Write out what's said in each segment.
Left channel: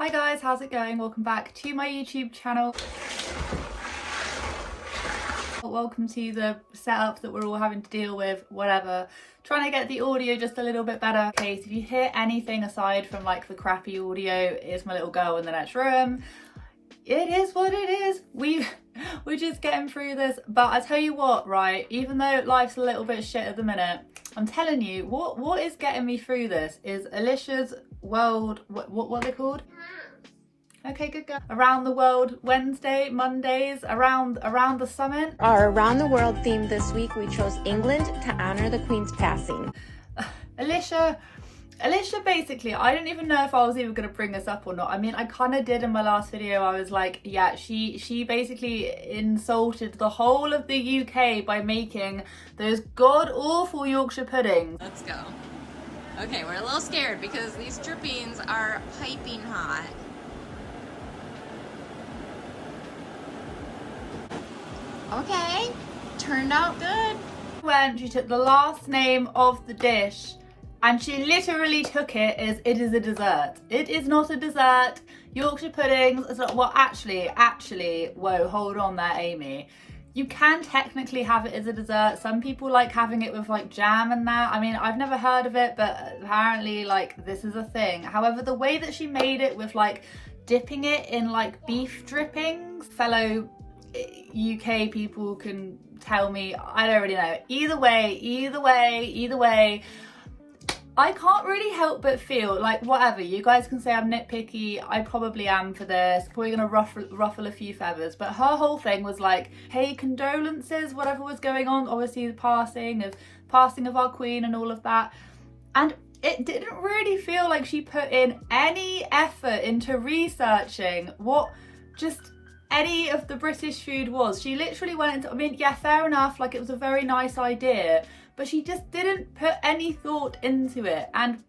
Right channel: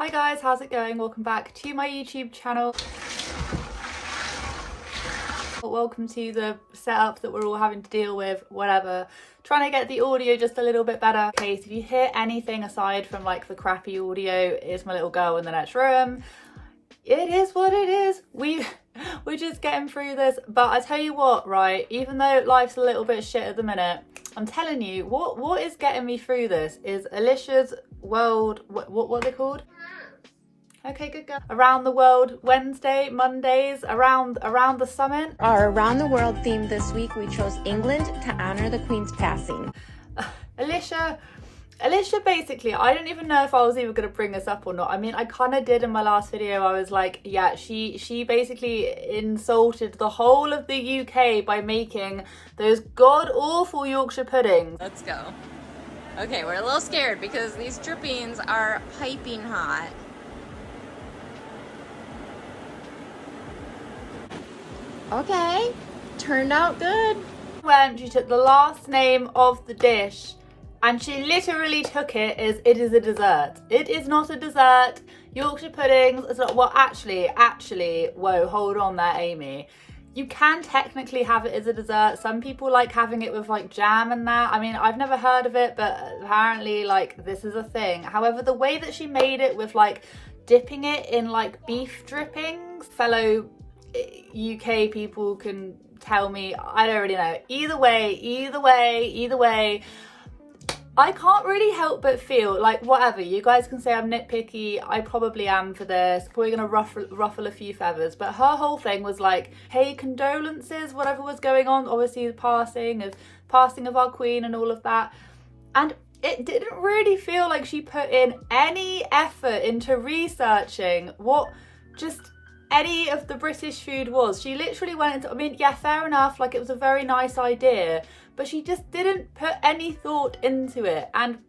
Hi guys, how's it going? Welcome back to my YouTube channel. Welcome to the setup that we're all having to deal with, whatever. Trying to get the audio just a little bit better. Okay, so if you hear anything aside from like the crappy audio, it's my little girl in the next room. It is what it is. We're just getting through this. But I tell you what, right, even though life's a little bit shit at the minute, I'm telling you, what is getting me through this is Alicia's world, what are they called? Okay, good girl. Around the World Wednesday, Mondays, around the summit. Our Around the World theme this week, we chose England to honor the Queen's passing. Alicia basically, I don't even know if I was even going to bring this up or not. I mean, I kind of did in my last video. I was like, yeah, she basically insulted the whole of the UK by making those god-awful Yorkshire puddings. Let's go. Okay, we're a little scared because these drippings are piping hot. Okay, turned out good. When she took the last name of the dish and she literally took it as it is a dessert. It is not a dessert. Yorkshire puddings is not, well, actually, whoa, hold on there, Amy. You can technically have it as a dessert. Some people like having it with like jam and that. I mean, I've never heard of it, but apparently like this is a thing. However, the way that she made it with like dipping it in like beef drippings, fellow UK people can tell me, I don't really know. Either way, I can't really help but feel like, whatever, you guys can say I'm nitpicky, I probably am for this, probably gonna ruffle a few feathers, but her whole thing was like, hey, condolences, whatever was going on, obviously the passing of our queen and all of that, and it didn't really feel like she put in any effort into researching what just any of the British food was. She literally went into, I mean, yeah, fair enough, like it was a very nice idea, but she just didn't put any thought into it. And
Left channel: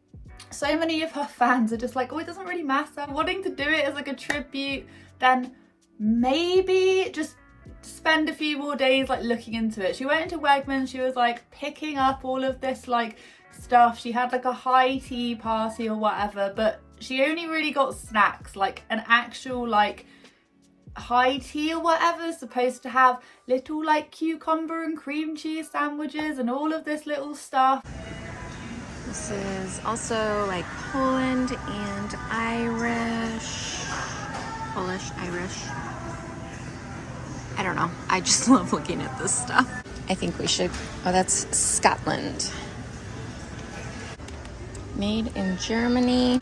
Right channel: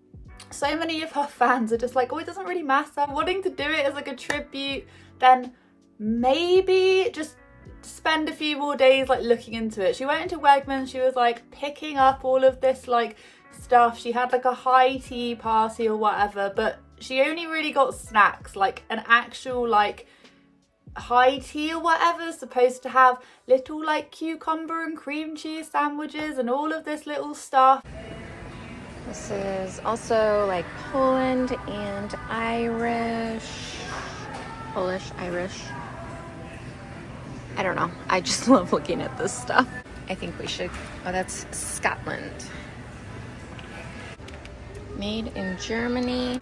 so many of her fans are just like, oh, it doesn't really matter. Wanting to do it as like a tribute, then maybe just spend a few more days like looking into it. She went into Wegmans, she was like picking up all of this like stuff. She had like a high tea party or whatever, but she only really got snacks, like an actual like high tea or whatever is supposed to have little like cucumber and cream cheese sandwiches and all of this little stuff. This is also like Poland and Irish. Polish, Irish. I don't know. I just love looking at this stuff. I think we should, oh, that's Scotland. Made in Germany.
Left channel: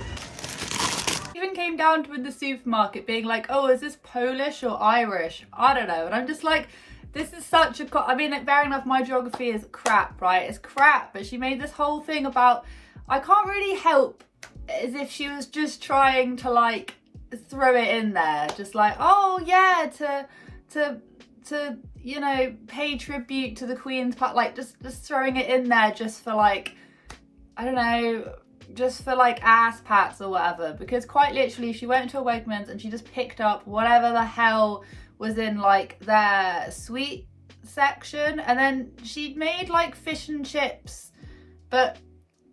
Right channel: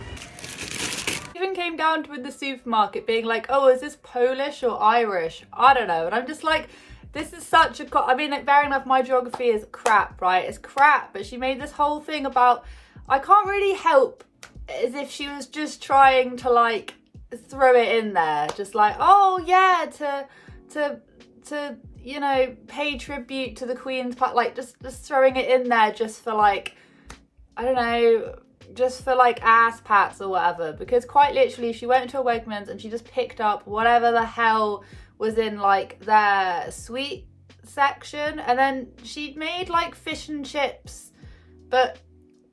Came down to in the supermarket being like, oh, is this Polish or Irish? I don't know. And I'm just like, this is such a, I mean, like, fair enough, my geography is crap, right? It's crap, but she made this whole thing about, I can't really help, as if she was just trying to like throw it in there, just like, oh yeah, to you know, pay tribute to the Queen's part, like just throwing it in there just for like, I don't know, just for like ass pats or whatever, because quite literally she went into a Wegmans and she just picked up whatever the hell was in like their sweet section, and then she made like fish and chips, but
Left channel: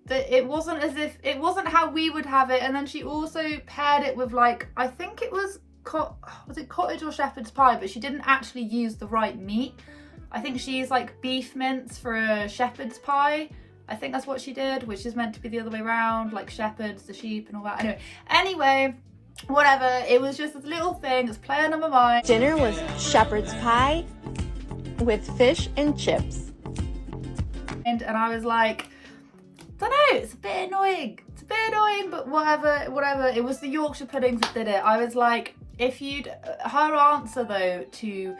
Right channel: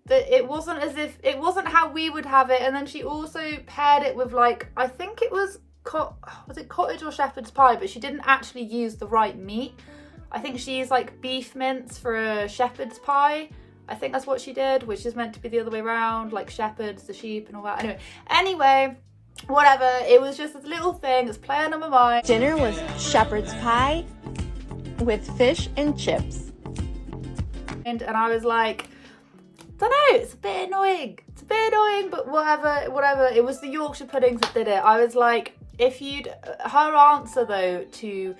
it wasn't as if, it wasn't how we would have it. And then she also paired it with like, I think it was it cottage or shepherd's pie, but she didn't actually use the right meat. I think she used like beef mince for a shepherd's pie. I think that's what she did, which is meant to be the other way around, like shepherds, the sheep and all that. Anyway, whatever. It was just this little thing that's playing on my mind. Dinner was shepherd's pie with fish and chips. And I was like, don't know, it's a bit annoying. It's a bit annoying, but whatever. It was the Yorkshire puddings that did it. I was like, if you'd, her answer though to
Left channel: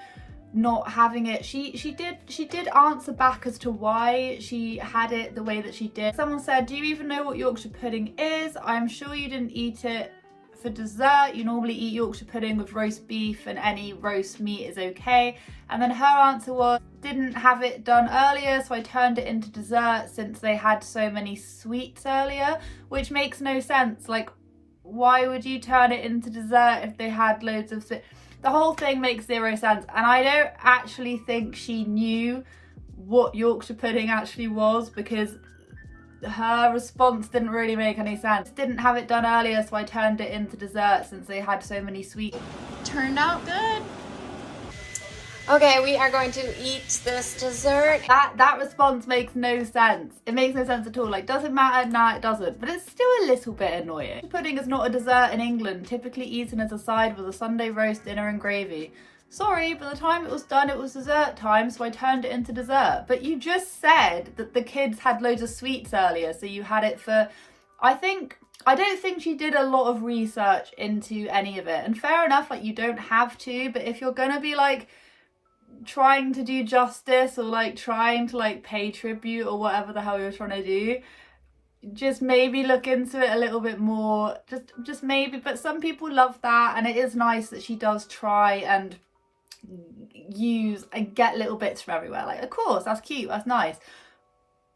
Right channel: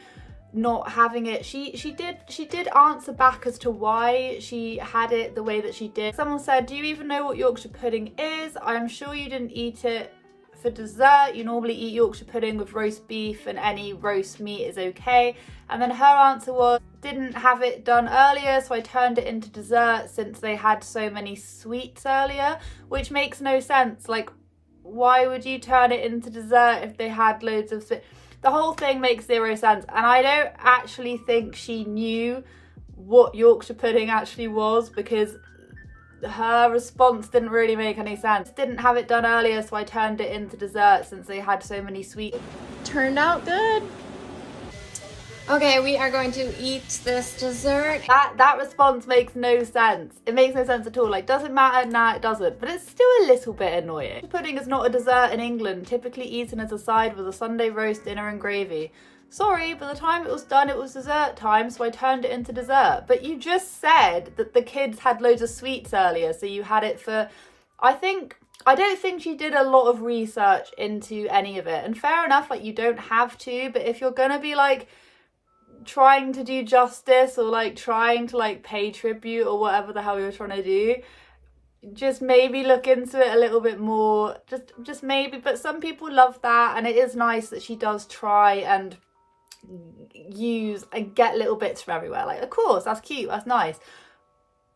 not having it, she did answer back as to why she had it the way that she did. Someone said, do you even know what Yorkshire pudding is? I'm sure you didn't eat it for dessert. You normally eat Yorkshire pudding with roast beef and any roast meat is okay. And then her answer was, didn't have it done earlier, so I turned it into dessert since they had so many sweets earlier, which makes no sense. Like, why would you turn it into dessert if they had loads of sweets? The whole thing makes zero sense, and I don't actually think she knew what Yorkshire pudding actually was, because her response didn't really make any sense. Didn't have it done earlier, so I turned it into dessert since they had so many sweets. Turned out good. Okay, we are going to eat this dessert. That response makes no sense. It makes no sense at all. Like, does it matter? Nah, it doesn't. But it's still a little bit annoying. Pudding is not a dessert in England, typically eaten as a side with a Sunday roast dinner and gravy. Sorry, by the time it was done, it was dessert time, so I turned it into dessert. But you just said that the kids had loads of sweets earlier, so you had it for... I don't think she did a lot of research into any of it. And fair enough, like, you don't have to, but if you're gonna be, like, trying to do justice or, like, trying to, like, pay tribute or whatever the hell you're trying to do, just maybe look into it a little bit more. Just maybe. But some people love that, and it is nice that she does try and use and get little bits from everywhere. Like, of course, that's cute, that's nice,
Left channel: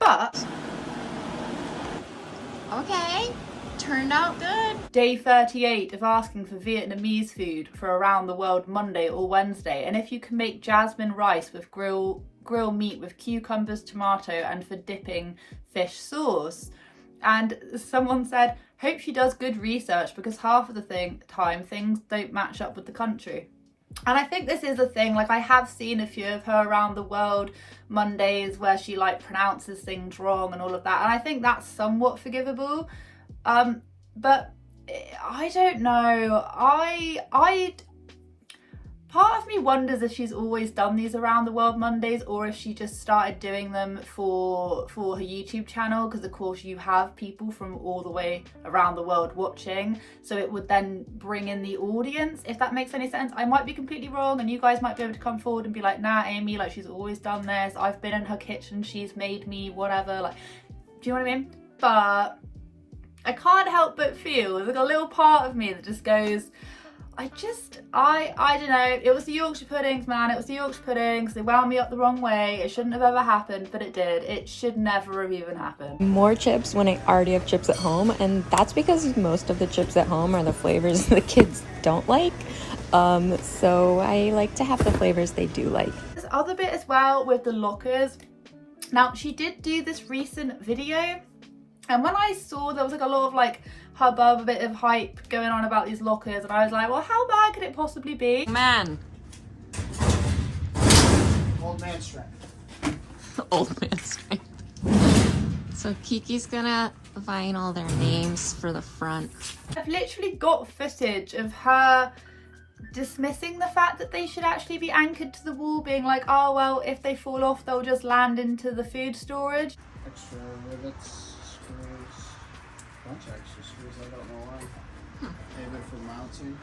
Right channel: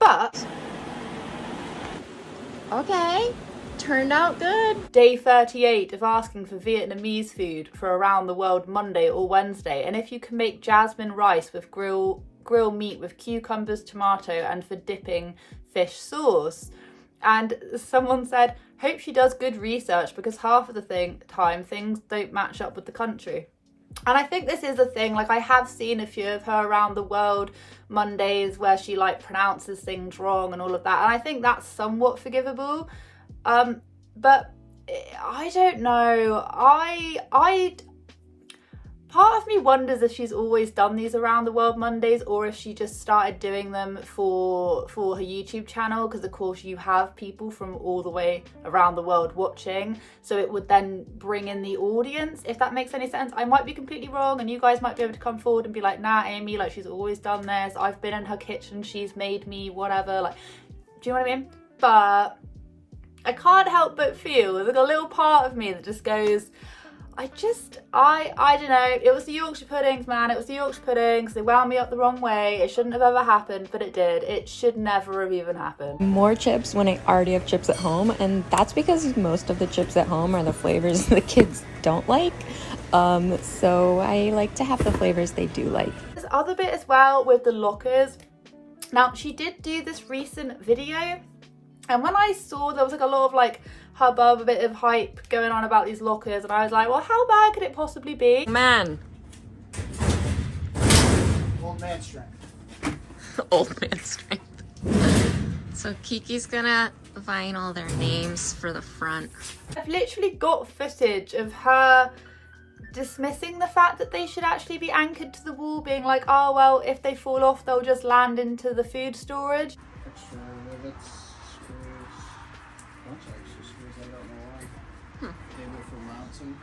but okay, turned out good. Day 38 of asking for Vietnamese food for around the world Monday or Wednesday, and if you can make jasmine rice with grill meat with cucumbers, tomato, and for dipping fish sauce. And someone said, hope she does good research because half of the time things don't match up with the country. And I think this is a thing. Like, I have seen a few of her around the world Mondays where she, like, pronounces things wrong and all of that, and I think that's somewhat forgivable. But I don't know. Part of me wonders if she's always done these around the world Mondays, or if she just started doing them for her YouTube channel, because of course you have people from all the way around the world watching, so it would then bring in the audience, if that makes any sense. I might be completely wrong, and you guys might be able to come forward and be like, nah, Amy, like, she's always done this, I've been in her kitchen, she's made me whatever, like, do you know what I mean? But I can't help but feel there's like a little part of me that just goes, I don't know. It was the Yorkshire puddings, man. It was the Yorkshire puddings. They wound me up the wrong way. It shouldn't have ever happened, but it did. It should never have even happened. More chips when I already have chips at home, and that's because most of the chips at home are the flavors the kids don't like. So I like to have the flavors they do like. This other bit as well with the lockers. Now, she did do this recent video, and when I saw there was like a lot of like hubbub, a bit of hype going on about these lockers, and I was like, well, how bad could it possibly be? Man. Old man strength. Old man strength. So Kiki's gonna vinyl their names for the front. I've literally got footage of her dismissing the fact that they should actually be anchored to the wall, being like, oh, well, if they fall off, they'll just land into the food storage. Extra rivets, screws, bunch of extra screws, I don't know why. Maybe for mounting.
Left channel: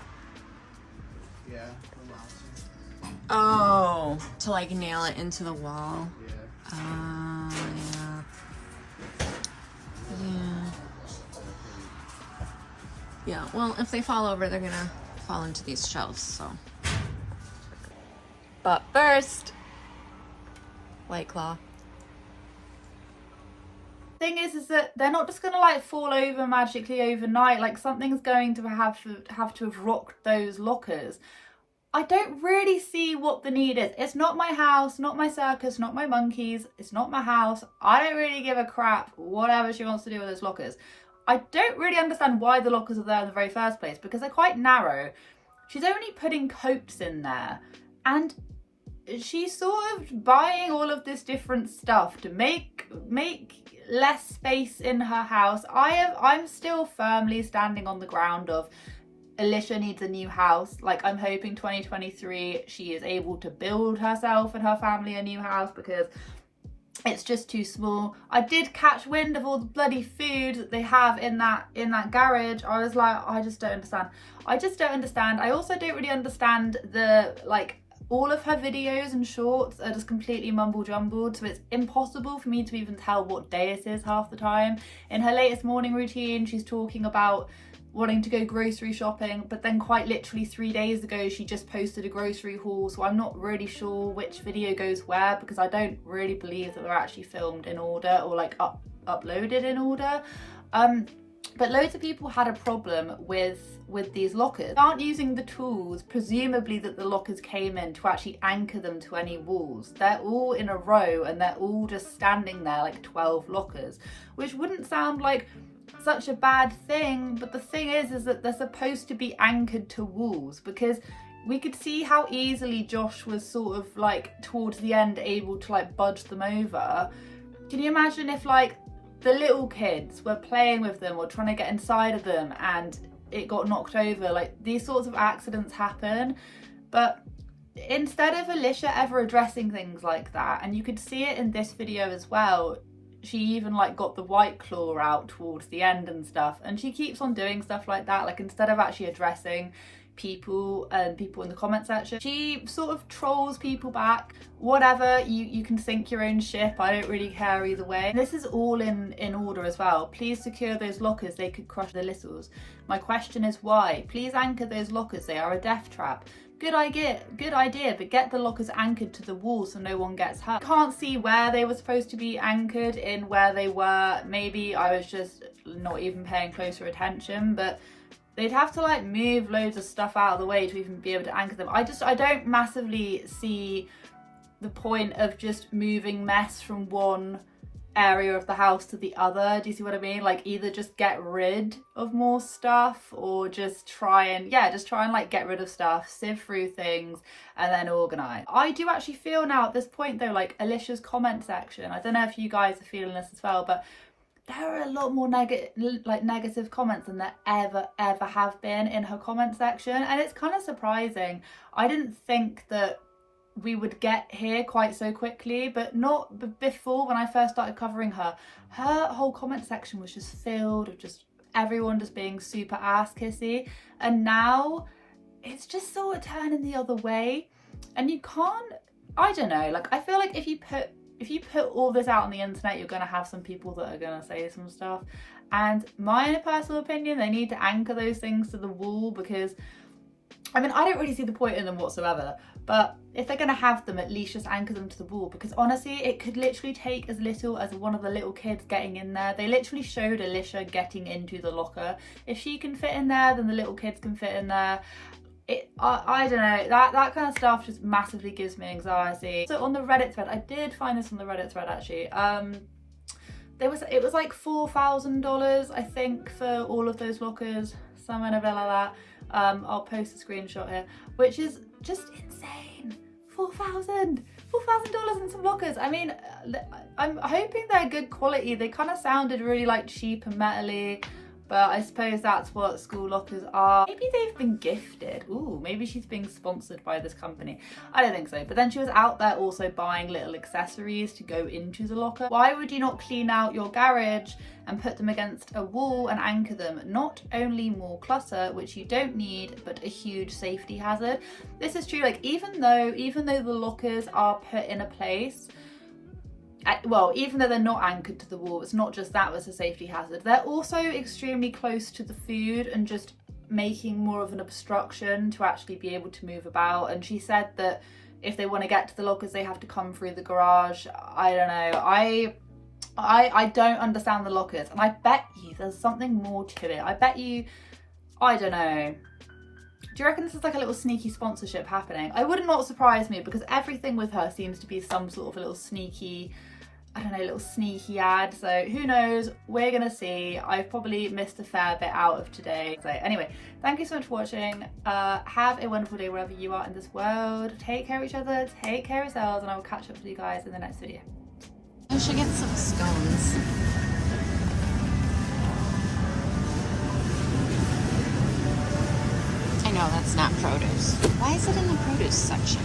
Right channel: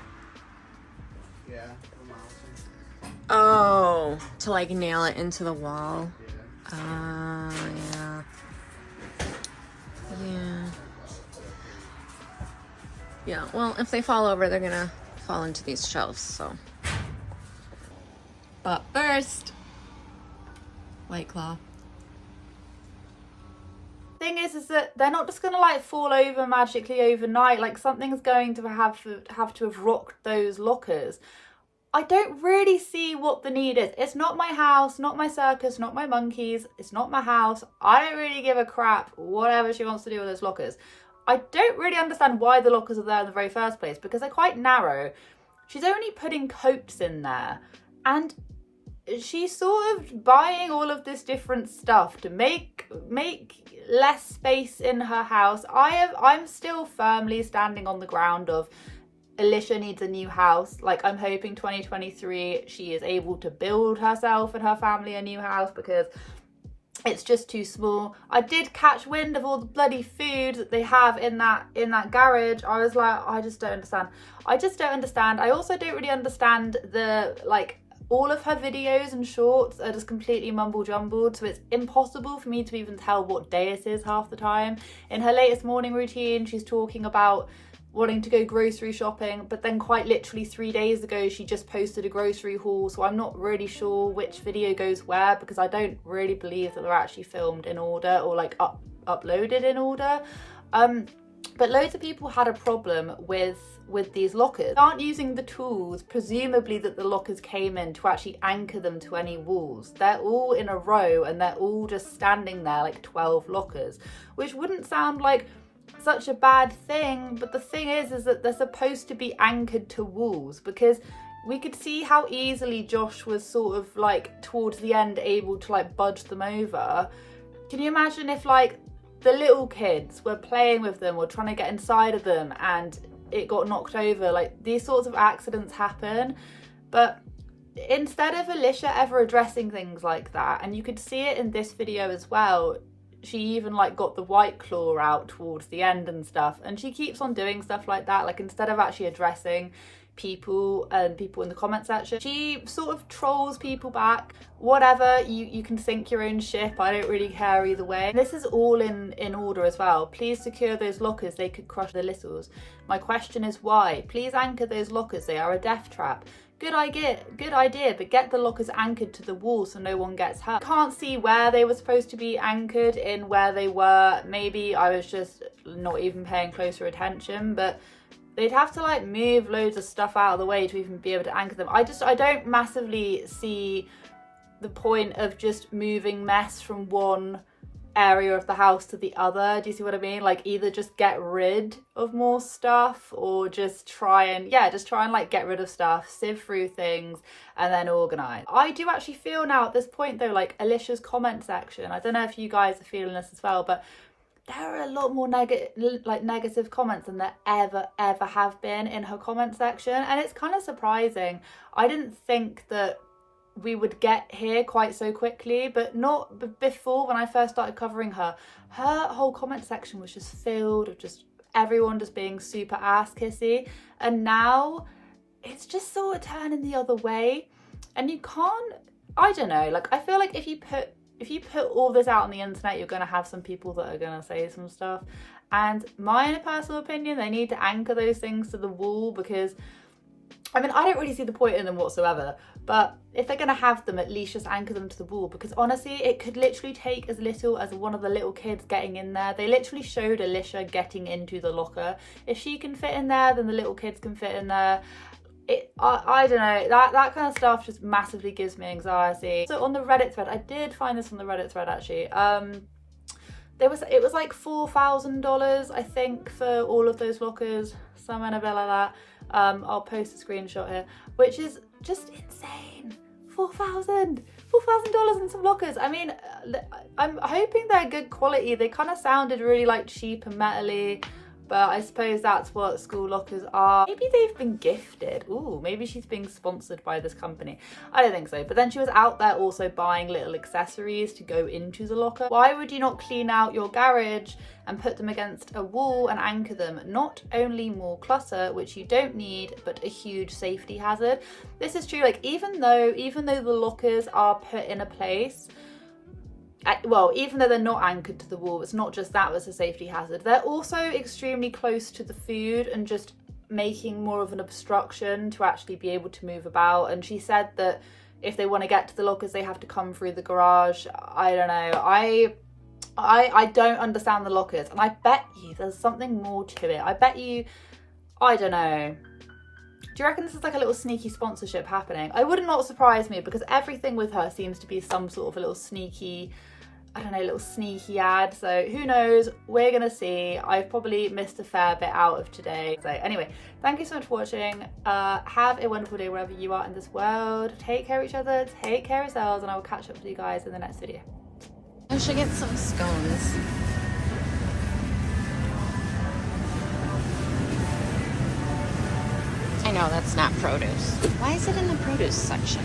Yeah, for mounting. Oh, to like nail it into the wall. Yeah. Yeah. Yeah, well, if they fall over, they're gonna fall into these shelves, so. But first, White Claw. Thing is that they're not just gonna like fall over magically overnight. Like, something's going to have rocked those lockers. I don't really see what the need is. It's not my house, not my circus, not my monkeys. It's not my house. I don't really give a crap whatever she wants to do with those lockers. I don't really understand why the lockers are there in the very first place, because they're quite narrow. She's only putting coats in there, and she's sort of buying all of this different stuff to make less space in her house. I'm still firmly standing on the ground of Alicia needs a new house. Like, I'm hoping 2023 she is able to build herself and her family a new house, because it's just too small. I did catch wind of all the bloody food that they have in that garage. I was like, I just don't understand. I also don't really understand the, like, all of her videos and shorts are just completely mumble jumbled, so it's impossible for me to even tell what day it is half the time. In her latest morning routine, she's talking about wanting to go grocery shopping, but then quite literally 3 days ago she just posted a grocery haul, so I'm not really sure which video goes where, because I don't really believe that they're actually filmed in order or like uploaded in order. But loads of people had a problem with these lockers. They aren't using the tools, presumably, that the lockers came in to actually anchor them to any walls. They're all in a row and they're all just standing there like 12 lockers, which wouldn't sound like such a bad thing, but the thing is that they're supposed to be anchored to walls, because we could see how easily Josh was sort of like towards the end able to like budge them over. Can you imagine if like the little kids were playing with them or trying to get inside of them and it got knocked over? Like, these sorts of accidents happen. But instead of Alicia ever addressing things like that, and you could see it in this video as well, she even like got the white claw out towards the end and stuff, and she keeps on doing stuff like that. Like, instead of actually addressing people and people in the comment section, she sort of trolls people back. Whatever, you can sink your own ship, I don't really care either way. This is all in order as well. Please secure those lockers, they could crush the littles. My question is why? Please anchor those lockers, they are a death trap. Good idea, but get the lockers anchored to the wall so no one gets hurt. Can't see where they were supposed to be anchored in where they were. Maybe I was just not even paying closer attention, but they'd have to like move loads of stuff out of the way to even be able to anchor them. I don't massively see the point of just moving mess from one area of the house to the other. Do you see what I mean? Like, either just get rid of more stuff, or just try and like get rid of stuff, sieve through things, and then organize. I do actually feel now at this point though, like Alicia's comment section, I don't know if you guys are feeling this as well, but there are a lot more negative comments than there ever have been in her comment section, and it's kind of surprising. I didn't think that we would get here quite so quickly, but not before. When I first started covering her whole comment section was just filled of just everyone just being super ass kissy, and now it's just sort of turning the other way. And you can't, I don't know, like, I feel like if you put all this out on the internet, you're going to have some people that are going to say some stuff. And my personal opinion, they need to anchor those things to the wall, because, I mean, I don't really see the point in them whatsoever. But if they're going to have them, at least just anchor them to the wall, because honestly, it could literally take as little as one of the little kids getting in there. They literally showed Alicia getting into the locker. If she can fit in there, then the little kids can fit in there. I don't know, that kind of stuff just massively gives me anxiety. So on the Reddit thread, I did find this on the Reddit thread actually, it was like $4,000 I think for all of those lockers, somewhere in a bit like that. I'll post a screenshot here, which is just insane. $4,000 in some lockers. I mean, I'm hoping they're good quality. They kind of sounded really like cheap and metally, but I suppose that's what school lockers are. Maybe they've been gifted. Ooh, maybe she's being sponsored by this company. I don't think so. But then she was out there also buying little accessories to go into the locker. Why would you not clean out your garage and put them against a wall and anchor them? Not only more clutter, which you don't need, but a huge safety hazard. This is true, like even though the lockers are put in a place, well, even though they're not anchored to the wall, it's not just that was a safety hazard. They're also extremely close to the food and just making more of an obstruction to actually be able to move about. And she said that if they want to get to the lockers, they have to come through the garage. I don't know. I don't understand the lockers, and I bet you there's something more to it. I bet you, I don't know. Do you reckon this is like a little sneaky sponsorship happening? It would not surprise me, because everything with her seems to be some sort of a little sneaky, I don't know, little sneaky ad. So who knows? We're gonna see. I've probably missed a fair bit out of today. So anyway, thank you so much for watching. Have a wonderful day wherever you are in this world. Take care of each other, take care of yourselves, and I will catch up with you guys in the next video. I should get some scones. I know that's not produce. Why is it in the produce section?